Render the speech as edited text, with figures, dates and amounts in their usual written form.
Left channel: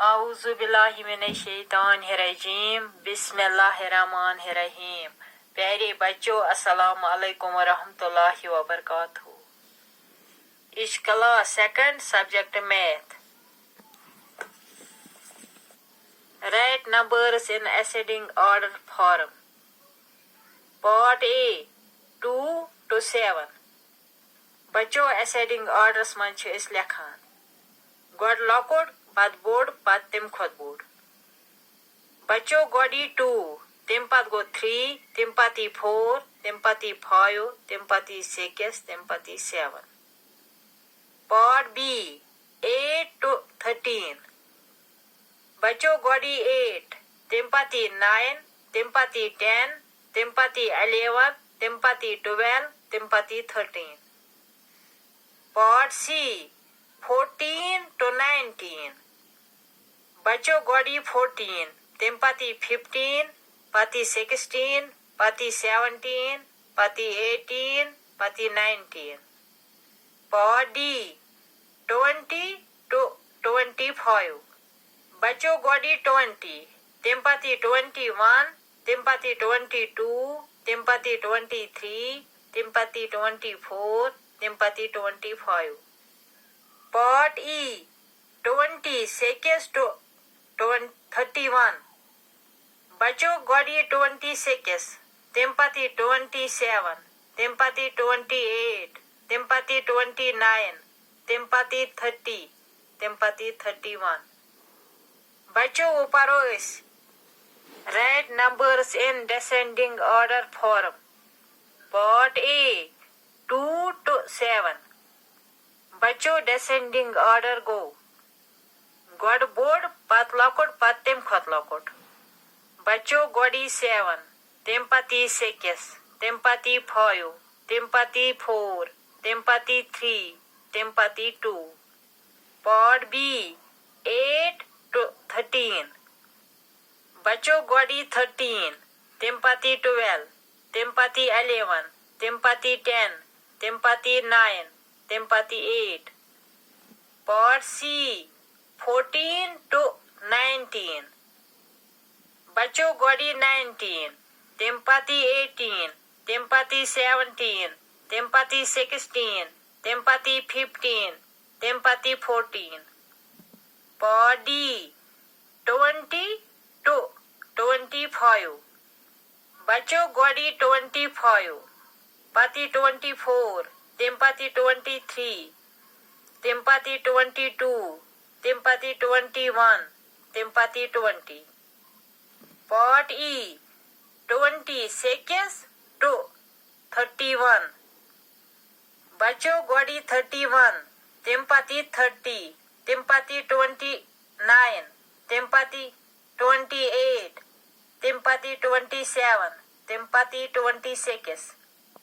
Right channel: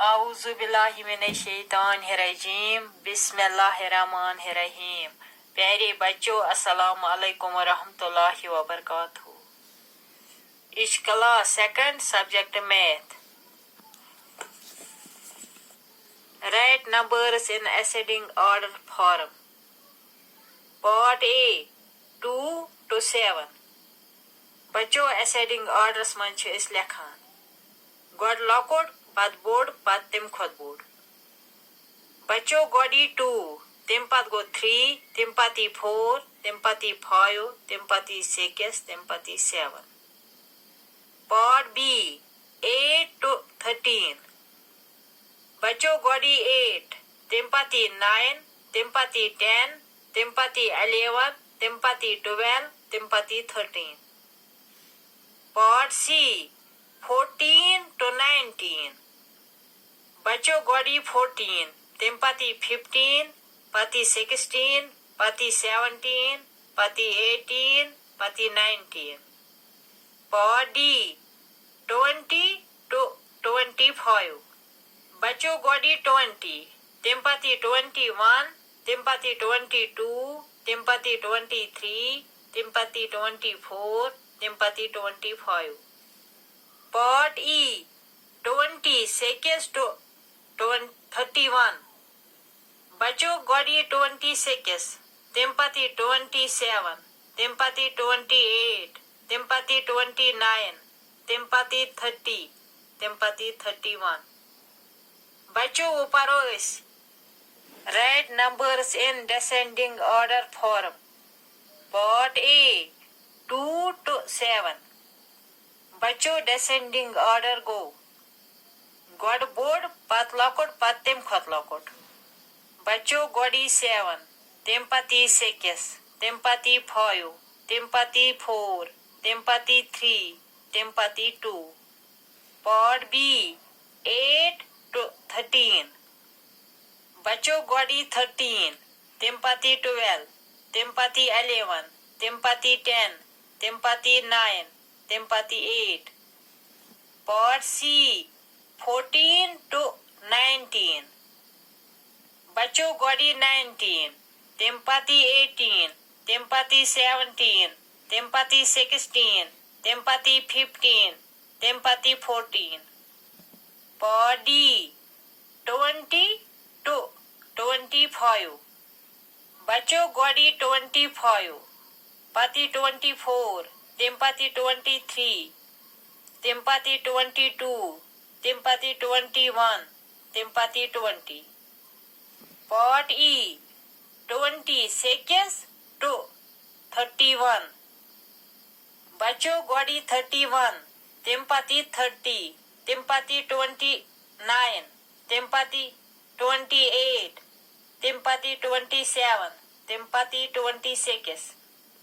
आऊज़ु बिल्लाहि मिनश्शैतानिर्रजीम बिस्मिल्लाहिर्रहमानिर्रहीम। प्यारे बच्चों, अस्सलाम वालेकुम वरहमतुल्लाहि वबरकातुहू। इस class second subject math. Write numbers in ascending order form. Part A 2 to 7. बच्चों ascending orders मन छ इस लिखान गोड लॉकोड पद बोर्ड पद तिम खोद बोर्ड। बच्चों गोडी 2 तिम पद गो 3 तिम पति 4 तिम पति 5 तिम पति 6 तिम पति 7। Part B 8 to 13। बच्चों गोडी 8 तिम पति 9 तिम पति 10 तिम पति 11 तिम पति 12 तिम पति 13। Part C 14 to 19। बच्चों गोडी 14 तिम पति 15 पति 16 पति 17 पति 18 पति 19। Part D 20 to 25। बच्चों गोडी 20 तिम पति 21 तिम पति 22 तिम पति 23 तिम पति 24 तिम पति 25। Part E 26 to 31। बच्चों गोडी 26 तिम पति 27 तिम पति 28 तिम पति 29 तिम पति 30 तिम पति 31। बच्चों ऊपर Write numbers in descending order form. Part A 2 to 7। बच्चों descending order go गोड बोर्ड पत लॉकोड पत तिम खोत लॉकोड। बच्चों गोडी 7 तिम पति 6 तिम पति 5 तिम पति 4 तिम पति 3 तिम पति 2। Part B 8 to 13। बच्चों गोडी 13 तिम पति 12 तिम पति 11 तिम पति 10 तिम पति 9 तिम पति 8। Part C 14 to 19। बच्चों गोडी 19 तिम पति 18 तिम पति 17 तिम पति 16 तिम पति 15 तिम पति 14। Part D 20 to 25। बच्चों गोडी 25 पति 24 तिम पति 23 तिम पति 22 तिम पति 21 तिम पति 20। Part E 26 to 31। बच्चों गोडी 31 तिम पति 30 तिम पति 29 तिम पति 28 तिम पति 27 तिम पति 26।